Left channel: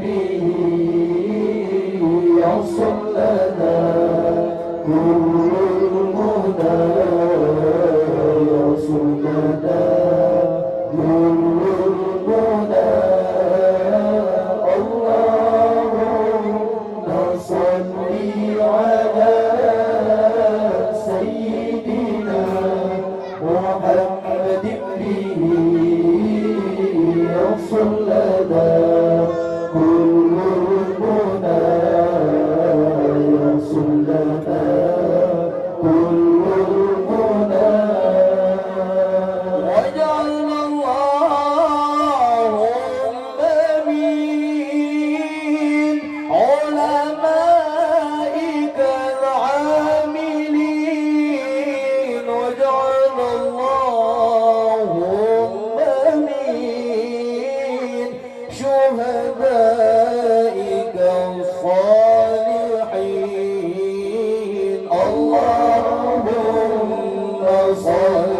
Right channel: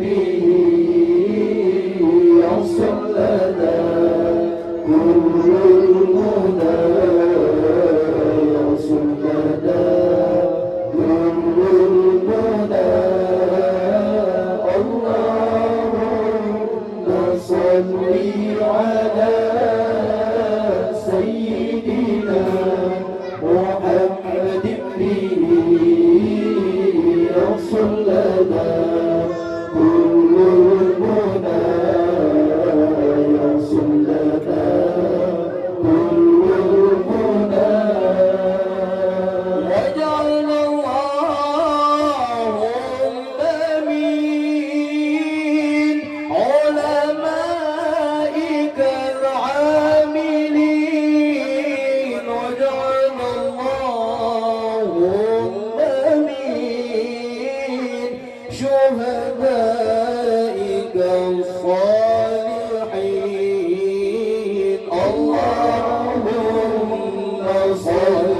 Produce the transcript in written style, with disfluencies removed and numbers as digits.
ذكره يصل لنا كل المهدى يصل لنا كل المهدى اللهم صل على سيدنا محمد به يصل لنا كل المنى يصل لنا كل المنى واجعلنا اللهم من علمائك العاملين واجعلنا اللهم من شهدائك الصالحين اللهم صل